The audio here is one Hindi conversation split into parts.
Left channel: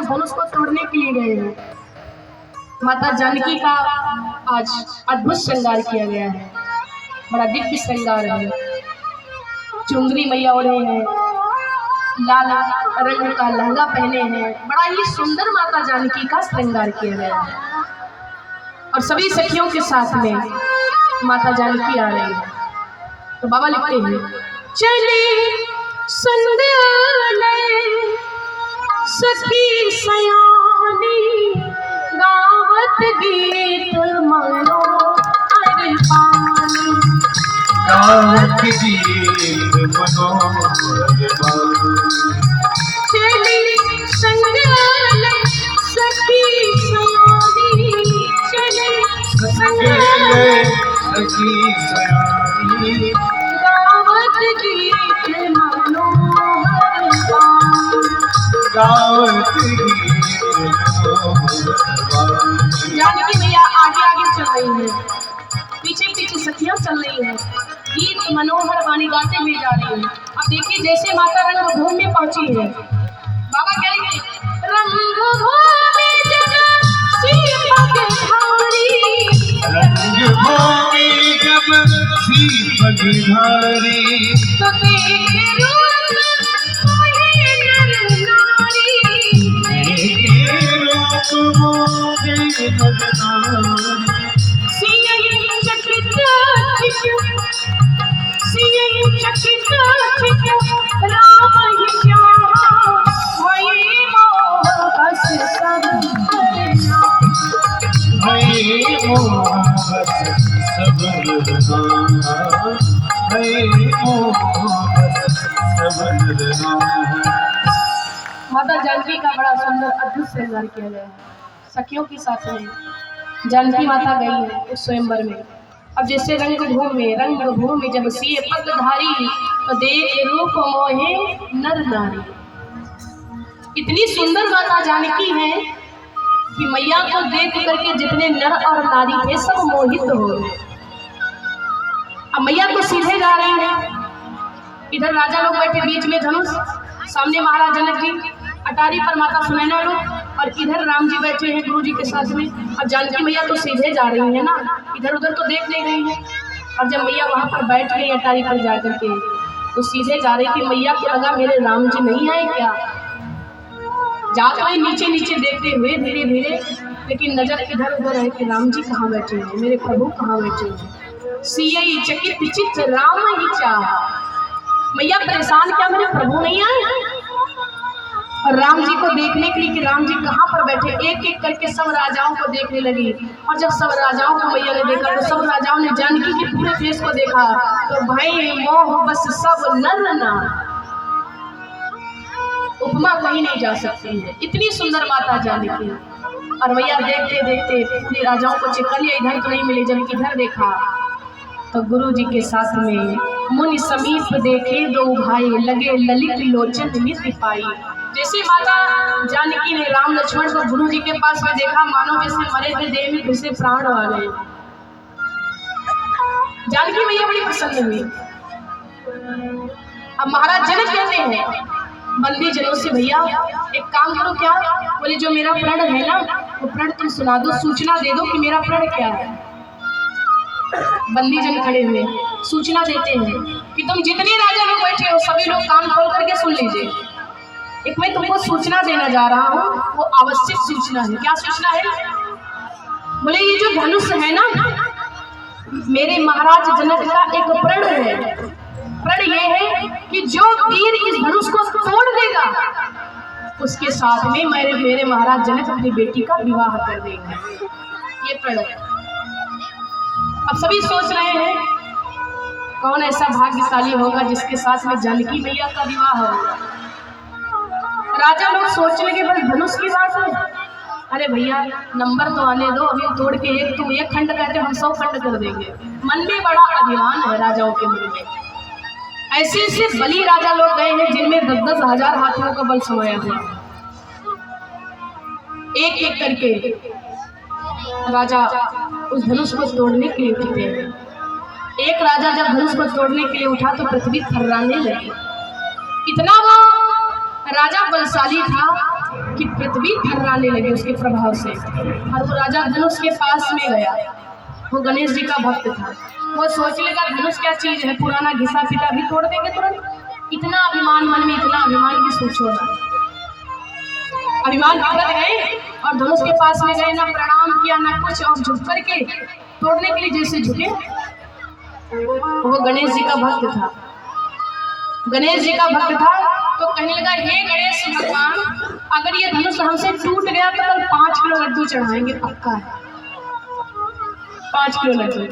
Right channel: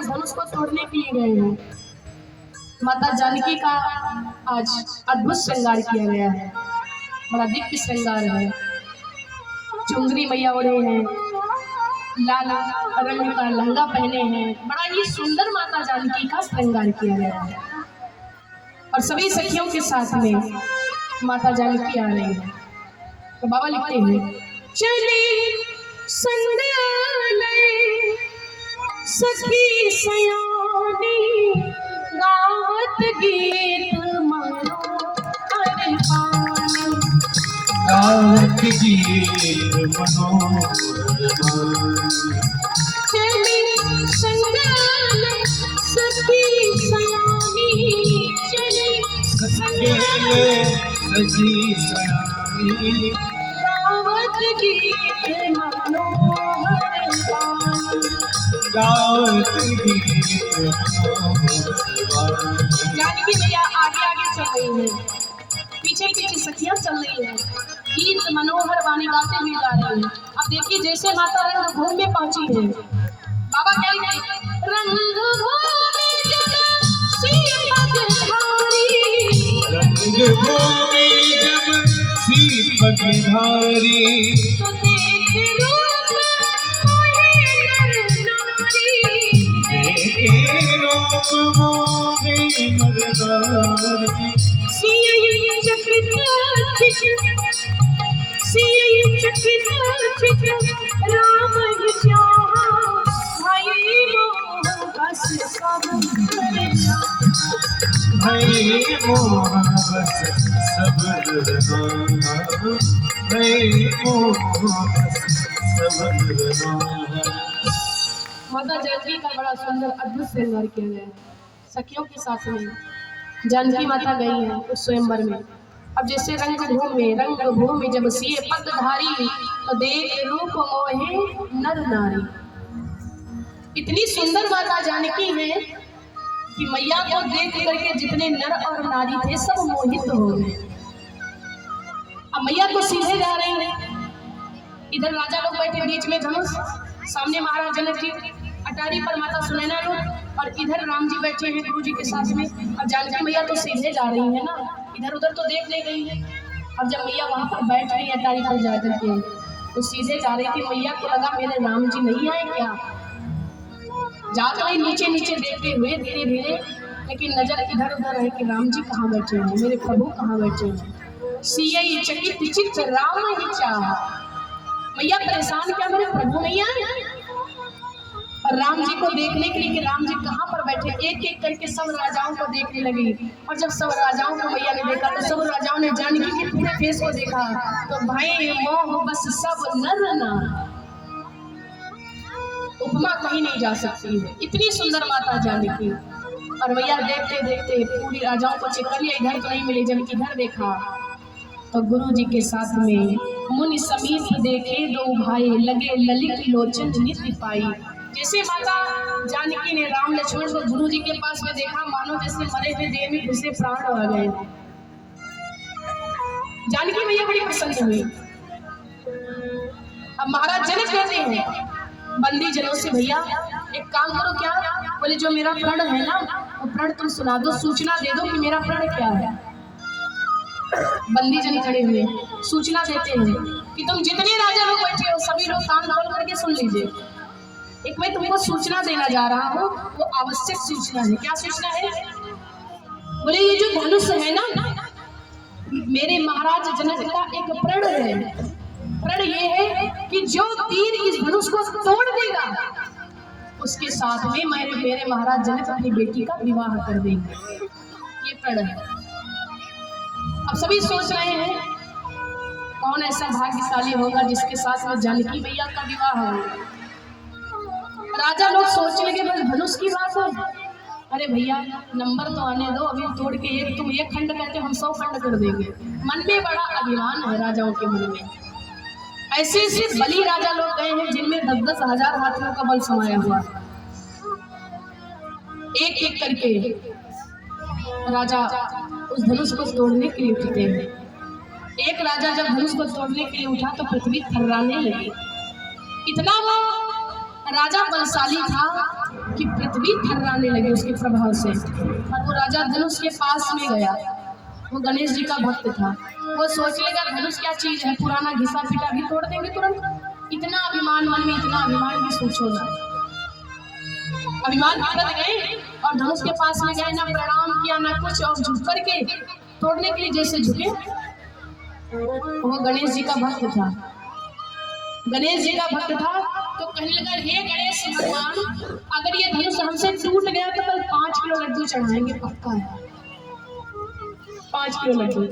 उस धनुष को तोड़ने के लिए गए हैं। माता जानकी का आज अद्भुत श्रृंगार किया गया है, बड़ा दिव्य श्रृंगार है। चुंदरी मैया ओढ़े हैं, लाल रंग का लहंगा पहने हैं, बड़ा ही सुंदर माता जानकी का श्रृंगार किया गया है। और सभी सखियों के साथ में माता जानकी आ रही है। तो बाबा लिखते हैं, चली संध्यालय सखी सयानी गावत गीत मनोहर पानी, गावत गीत मनोहर पानी। चली संध्यालय सखी सयानी, चली संध्यालय सखी सयानी गावत गीत मनोहर पानी, गावत गीत मनोहर पानी। जानकी मैया आगे आगे चल रही है, पीछे पीछे सखियां चल रही हैं, गीत मनोहर वाणी गाते हुए जा रही हैं। अब देखिए जैसे माता रंगभूमि में पहुंची है, बाबा क्या लिखे, रंगभूमि जब सीपगधारी, रंगभूमि जब सीपगधारी, तो देखे रूप मोहे नर नारी, देखे रूप मोहे नर नारी। सियई चकित चित, सियई चकित चित राम ही चाहा, भई मोह बस सब करना, भई मोह बस सब करना, भई मोह बस सब करना। माता जानकी का बड़ा सुंदर अद्भुत श्रृंगार किया गया है। सखियों के साथ में जानकी माता गई है उस स्वयंवर में। अब जैसे रंगभूमि जब सिए पगधारी, तो देख रूप मोहे नर नारी। इतनी सुंदर माता जानकी है कि मैया को देख करके जितने नर और नारी थे सब मोहित हो गए। अब मैया तो सीधे जा रही है, इधर राजा लोग बैठे बीच में धनुष, सामने महाराज जनक जी, अटारी पर माता सुनैना लोग, और इधर राम जी बैठे हैं गुरु जी के साथ में। अब जानकी मैया तो सीधे जा रही है ना, इधर उधर तो देख नहीं रही है। और जब मैया वहां पर बैठ गई अटारी पर जाकर के, तो सीधे जा रही थी। मैया को लगा मेरे राम जी नहीं आए क्या, जा तो ही नीचे नीचे देखते हुए धीरे धीरे, लेकिन नजर इधर उधर है कि राम जी कहाँ बैठे हैं, मेरे प्रभु कहाँ बैठे हैं। सियई चकित चित्त राम ही चाहा, मैया परेशान, क्या मेरे प्रभु नहीं आए। और राम जी को देखने के लिए कि राम जी कहाँ पर बैठे, एक एक करके सब राजाओं को देखने लगी। और जब सब राजाओं को मैया ने देखा, तो सब राजाओं ने जानकी के पूरे फेस को देखा, तो भाई मोह बस सब नर नार, उपमा कहीं नहीं जा सकती है, इतनी सुंदर माता जानकी। और मैया देखते देखते पूरे राजाओं को चेक कर लिया, इधर तो नहीं मिले। जब इधर देखा तो गुरु जी के साथ में मुनि समीप देखे दो भाई, लगे ललित लोचन नित्य पाई। जैसे माता जानकी ने राम लक्ष्मण को गुरु जी के पास में देखा, मानो जैसे मरे हुए देह में फिर से प्राण आ गए। जानकी मैया बड़ी प्रसन्न हुई। अब महाराज जनक कहते हैं बंदी जनों से, भैया एक काम करो, क्या बोले, जो मेरा प्रण है ना, वो प्रण तुम सुना दो, सूचना दे दो कि मेरा प्रण क्या है। बंदी जन खड़े हुए सूचना देते हैं कि तुम जितने राजा लोग बैठे हो सभी लोग कान खोल करके सुन लीजिए, एक मैं तुमको सूचना देना जा रहा हूँ, वो आवश्यक सूचना है। क्या सूचना है? बोले ये जो धनुष है ना, मेरे महाराज जनक का एक प्रण है। प्रण ये है कि जो तीर इस धनुष को तोड़ देगा, उसके साथ में मेरे महाराज जनक अपनी बेटी का विवाह कर देंगे। ये प्रण है। अब सभी सोच रहे हैं कौन ऐसा भाग्यशाली होगा जिसके साथ में जानकी मैया का विवाह होगा। राजा लोग सोचने लगे, बस धनुष की बात है, अरे भैया नंबर तो आने दो, अभी तोड़ के एक तुम एक खंड कहते हम 100 खंड कर देंगे। मन में बड़ा अभिमान है राजाओं के मन में। ऐसे ऐसे बली राजा लोग गए हैं जिनमें 10-10 हजार हाथियों का बल समाया हुआ। एक एक करके राजा उस धनुष को तोड़ने के लिए उठते हैं। एक राजा जब धनुष को तोड़ने के लिए उठा तो पृथ्वी थर्राने लगी। इतना वो राजा बलशाली था कि पृथ्वी थर्राने लगी उसके प्रभाव से। और वो राजा धनुष के पास में गया, वो गणेश जी का भक्त था। वो सोच लेगा धनुष क्या चीज है, पुराना घिसा पिटा भी तोड़ देंगे तुरंत। इतना अभिमान मन में, इतना अभिमान की सोचो ना। अभिमान के बढ़ गए और धनुष के पास में गए, ना प्रणाम किया ना कुछ, और झुक करके तोड़ने के लिए जैसे झुके। वो गणेश जी का भक्त था, गणेश जी का भक्त था। तो कहने लगा, हे गणेश भगवान, अगर ये धनुष हमसे टूट गया तो कल 5 किलो लड्डू चढ़ाएंगे, पक्का है 5 किलो लड्डू।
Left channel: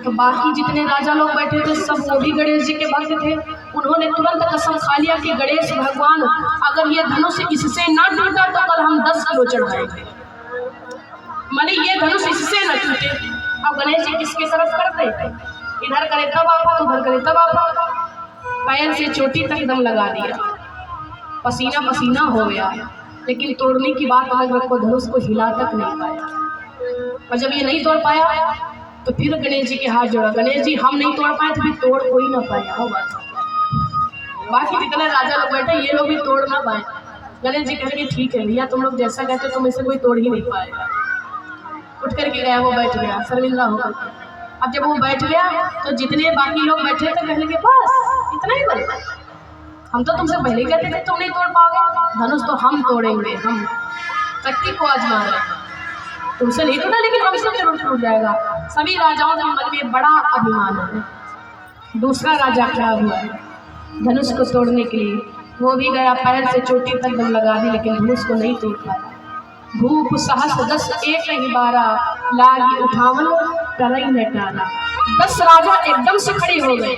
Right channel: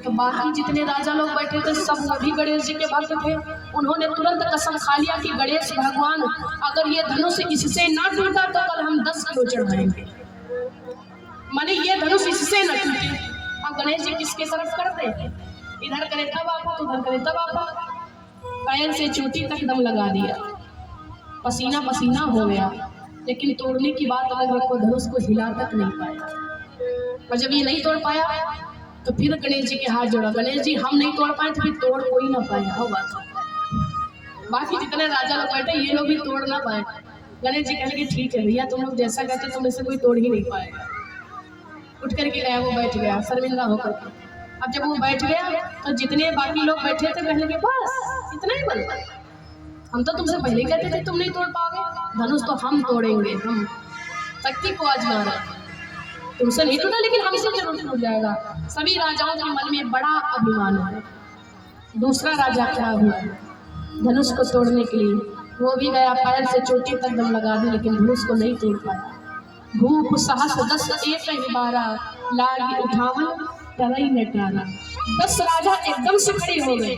तो बाकी जितने राजा लोग बैठे थे सब वो भी गणेश जी के भक्त थे। उन्होंने तुरंत कसम खा लिया कि गणेश भगवान, अगर ये धनुष इससे ना टूटा तो कल हम 10 किलो चढ़ाएंगे, माने ये धनुष इससे न टूटे। अब गणेश जी किसकी तरफ करते, इधर करे तब आपा, उधर करे तब आपा। पैर से चोटी तक दम लगा दिया, पसीना पसीना हो गया, लेकिन तोड़ने की बात अलग रखो, धनुष को हिला तक नहीं पाया। और जब ये नहीं तोड़ पाया तो फिर गणेश जी के हाथ जोड़ा, गणेश जी हम नहीं तोड़ पाए तो फिर तोड़ कोई ना पाया हो बात। बाकी जितने राजा लोग बैठे ये लोग भी तोड़ ना पाए। गणेश जी कहेंगे ठीक है भैया, तुम लोग जैसा कहते तुम इसे कोई तोड़ ही नहीं पाएगा। उठ करके गया, वो बैठ गया शर्मिंदा होकर। अब जब वो बैठ गया तो जितने बाकी लोग बैठे थे कहने लगे बस इतना ही बनता, हम तो तुमसे पहले ही कहते थे तुम नहीं तोड़ पाओगे, धनुष तो हम तोड़ेंगे, हम शक्ति को आजमा रहे हैं। तुमसे नहीं टूटा लेकिन हमसे जरूर टूट जाएगा। सभी राजाओं के मन में बड़ा अभिमान है। दूसरा राजा खड़ा हुआ धनुष को तोड़ने के लिए, वो भी गया, पैर से चोटी तक दम लगा दी, लेकिन धनुष को नहीं तोड़ पाया। भूप सहस 10 एक ही 12 लागी उठावन तरई न टारा। 10 राजा एकदम से खड़े हो गए,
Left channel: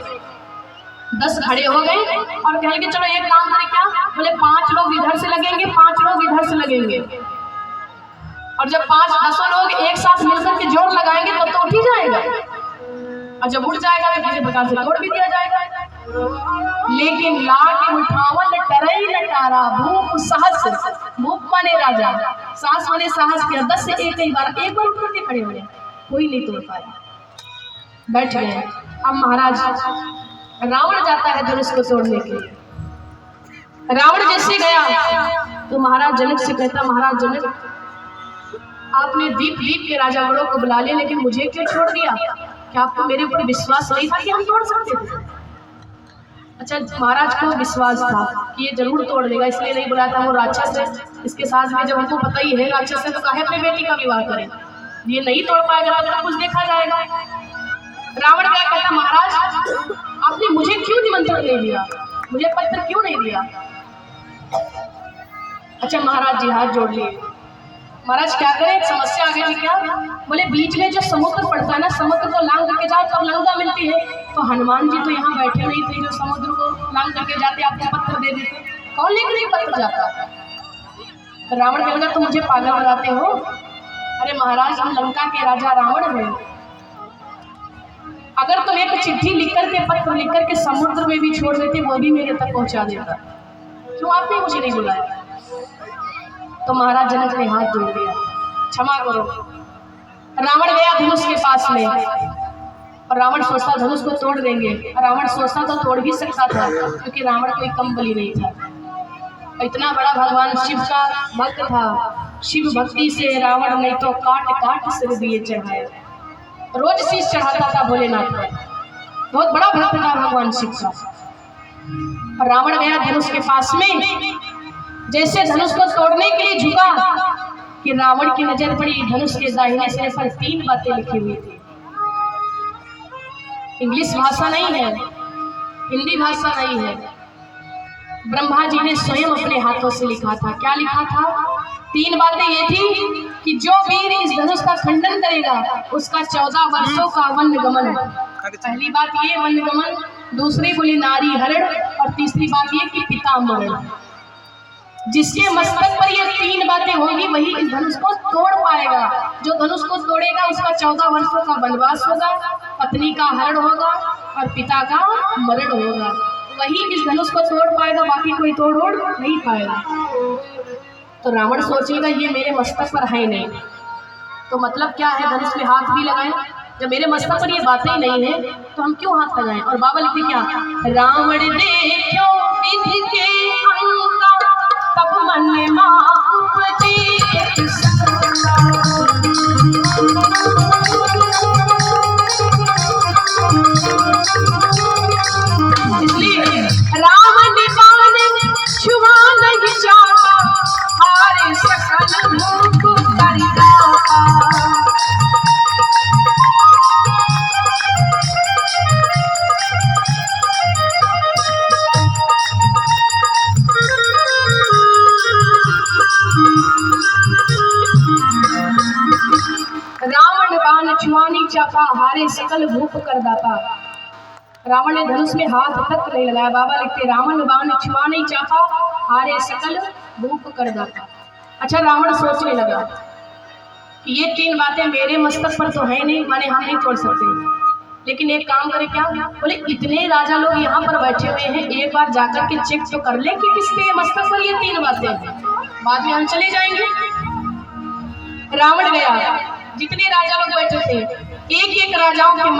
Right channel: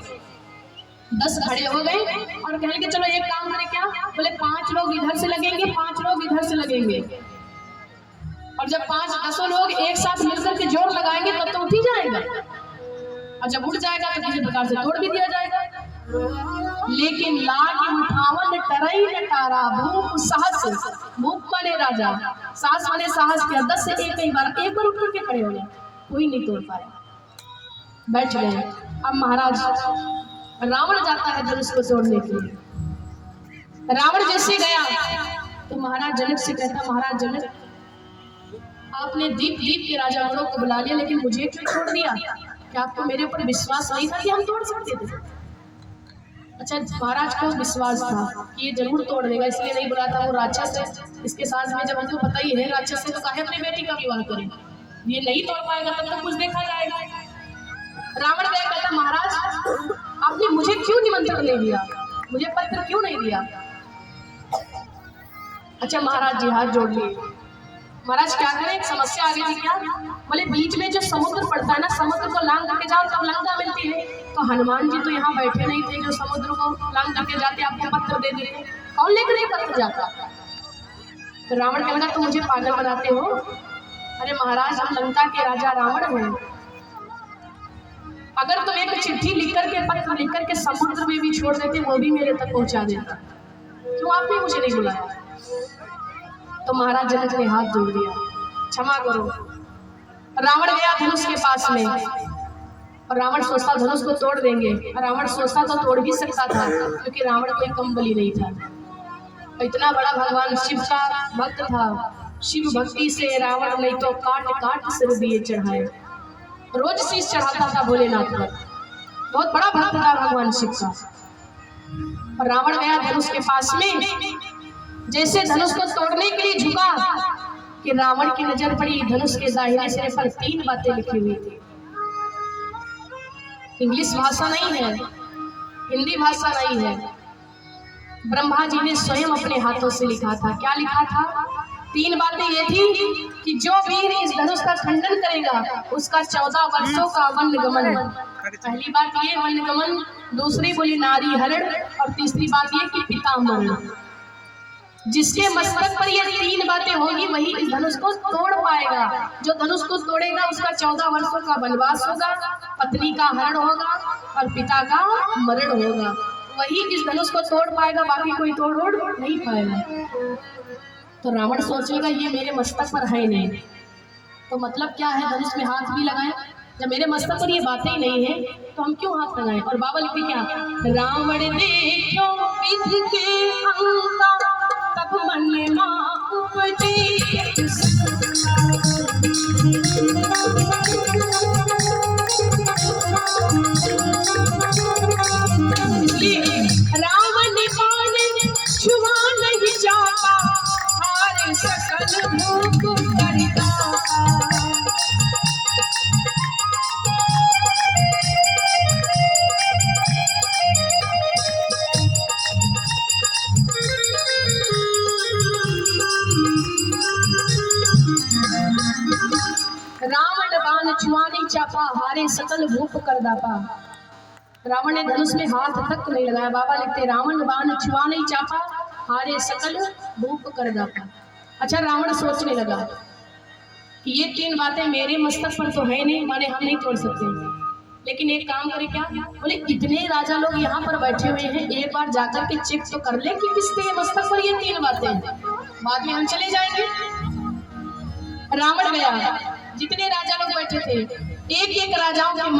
10 खड़े हो गए और कहने के चलो एक काम करें, क्या बोले 5 लोग इधर से लगेंगे, 5 लोग इधर से लगेंगे, और जब 5-10 लोग एक साथ मिलकर के जोर लगाएंगे तब तो उठ ही जाएगा, और जब उठ जाएगा तो किसी प्रकार से तोड़ भी दिया जाएगा। लेकिन लागी उठावन तरई न टारा। भूप सहस, भूप माने राजा, साहस माने साहस किया, 10 से एक ही बार, एक बार उठ करके खड़े हो गए, कोई नहीं तोड़ पाया, बैठ गए। अब महाराज रावण जाता है धनुष को तोड़ने के लिए। रावण जैसे गया तो महाराज जनक से कहता, महाराज जनक आपने दीप के राजा गणों को बुला लिया, लेकिन मुझे क्यों छोड़ दिया? क्या आपको मेरे ऊपर विश्वास नहीं था कि हम तोड़ सकते थे? अच्छा, महाराज को विश्वास था कि ये जरूर तोड़ देगा, इसलिए नहीं बुलाया था। वो राक्षस है, इसके साथ में जब हमको पता ही है राक्षस है तो काहे अपने बेटी का विवाह करें, ये नहीं तोड़ पाएगा तब तो कुछ देखा जाएगा। रावण क्या कहता, महाराज आपने मुझे क्यों निमंत्रण नहीं दिया, मुझे पत्र क्यों नहीं दिया? अच्छा महाराज जी हाथ जोड़ लिए। महाराज क्या करें, एक समस्या आ गई थी। क्या बोले, बीच में जो समुद्र पड़ता है ना, समुद्र को लांग करके जाओ तब लंका मिलती है। तो हनुमान जी तो यहाँ बैठे नहीं थे जो समुद्र को लांग करके जाते, आपको पत्र दे देते, कौन लेकर ये पत्र जाता? तो रावण कहने लगा, तुम मुझे पागल बनाते हो? अरे महाराज हम लंका के राजा रावण हैं, अगर तुम एक चिट्ठी लिख करके, पत्र लिख करके समुद्र में भी छोड़ देते वो भी मेरे तक पहुंचा देता, क्यों आपने मुझे नहीं बुलाया? तो महाराज जनक ने हाथ जोड़ दिया, क्षमा करो। रावण गया धनुष के पास में, और रावण सोचता धनुष को तोड़ देंगे, रावण सोचता तो तोड़ भी सकता था, क्योंकि रावण कोई कम बली नहीं था। इतना बड़ा भगवान शिव का भक्त था, शिव भक्ति से रावण नहीं तो काट सिर दिए चढ़ाए, रोज शीश चढ़ाता था भोलेनाथ पर, बहुत बड़ा भक्त था भगवान शिव का। रावण गया धनुष के पास में, जैसे धनुष को तोड़ने के लिए झुका कि रावण की नजर पड़ी धनुष के दाहिने सिरे पर 3 बातें लिखी हुई थी। इंग्लिश भाषा नहीं है, हिंदी भाषा नहीं है, ब्रह्मा जी ने स्वयं अपने हाथों से लिखा था। क्या लिखा था? 3 बातें ये थी कि जो वीर इस धनुष का खंडन करेगा उसका 14 वर्षों का वनगमन। पहली बात ये वनगमन, दूसरी बोली नारी हरण, और तीसरी बात ये कि पिता मरण। जिसके मस्तक पर ये 3 बातें होगी वही इस धनुष को तोड़ पाएगा। जो धनुष को तोड़ेगा उसका 14 वर्षों का वनवास होगा, पत्नी का हरण होगा और पिता का मरण होगा, वही इस धनुष को तोड़ पाएगा, बाकी कोई तोड़ नहीं पाएगा। तो रावण सोचेगा ये मेरे मस्तक पर है नहीं, तो मतलब क्या है धनुष में हाथ भी लगाए, जब मेरे मस्तक पर ये बातें ही नहीं है तो हम क्यों हाथ लगाएं? और बाबा लिखते क्या, रावण देखो विधि के अंका तब मन माँ उपजे एक इसलिए रावण बाण छुआ नहीं जाता, हारे सकल भूख कर जाता। रावण बाण छुआनी चापा, हारे सकल भूप कर दाता। रावण ने धनुष में हाथ तक नहीं लगाया। बाबा लिखते रावण बाण छुआ नहीं चापा, हारे सकल भूप कर दाता। अच्छा, रावण सोचने लगा कि ये तीन बातें मेरे मस्तक पर तो है नहीं, माने हम नहीं तोड़ सकते, लेकिन एक काम करे क्या, बोले इतने राजा लोग यहाँ पर बैठे हुए हैं, एक बार जाकर के चेक तो कर ले कि किसके मस्तक पर ये तीन बातें हैं, बाद में हम चले जाएंगे। रावण गया, जितने राजा लोग बैठे थे एक एक राजाओं के